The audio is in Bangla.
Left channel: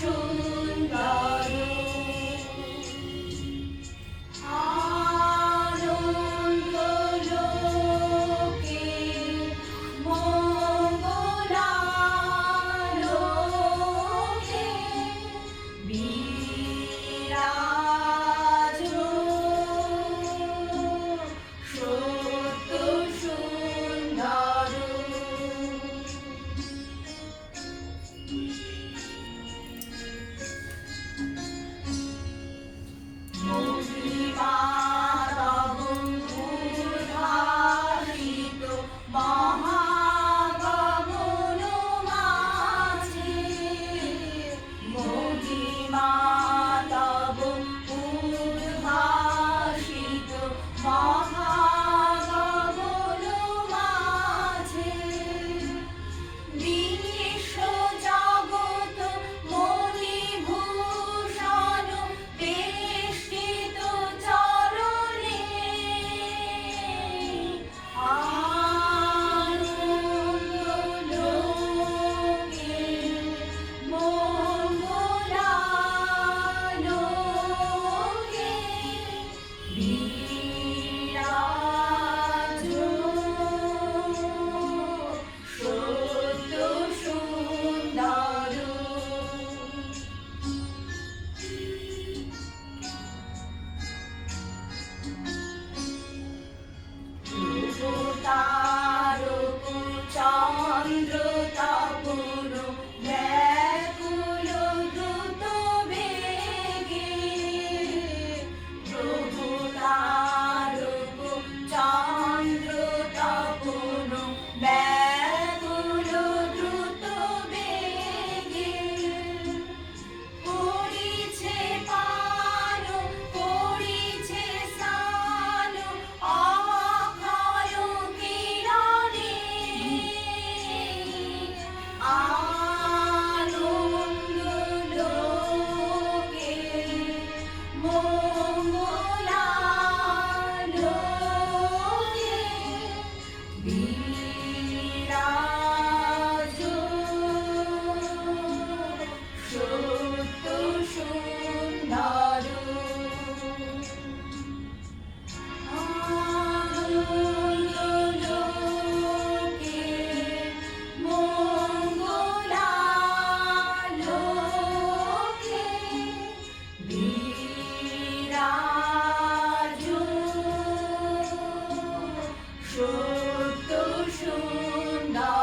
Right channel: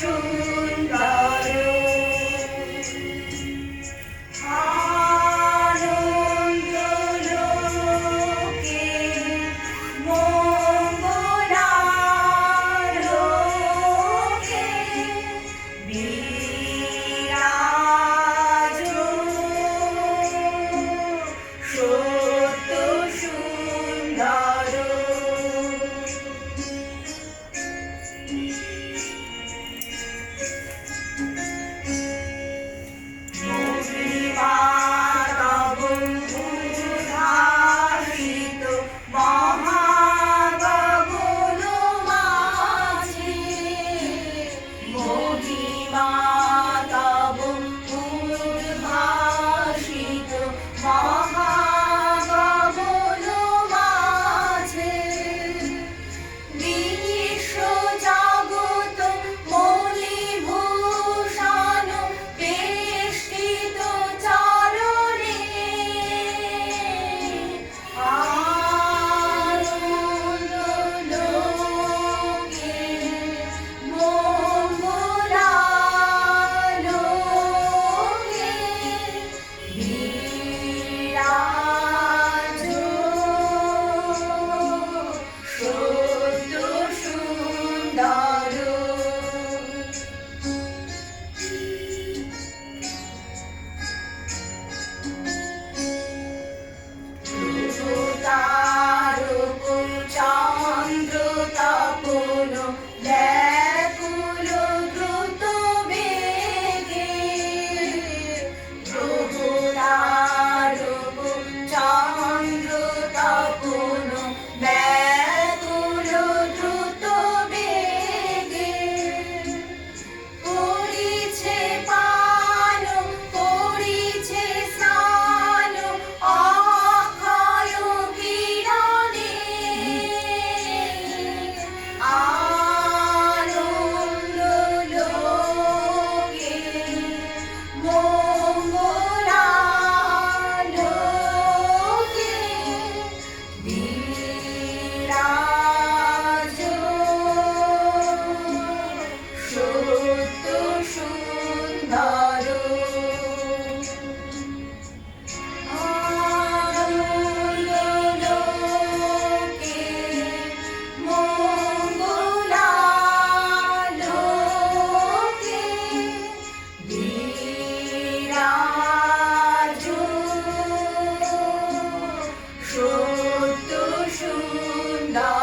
true. 마음 সত্য সুন্দর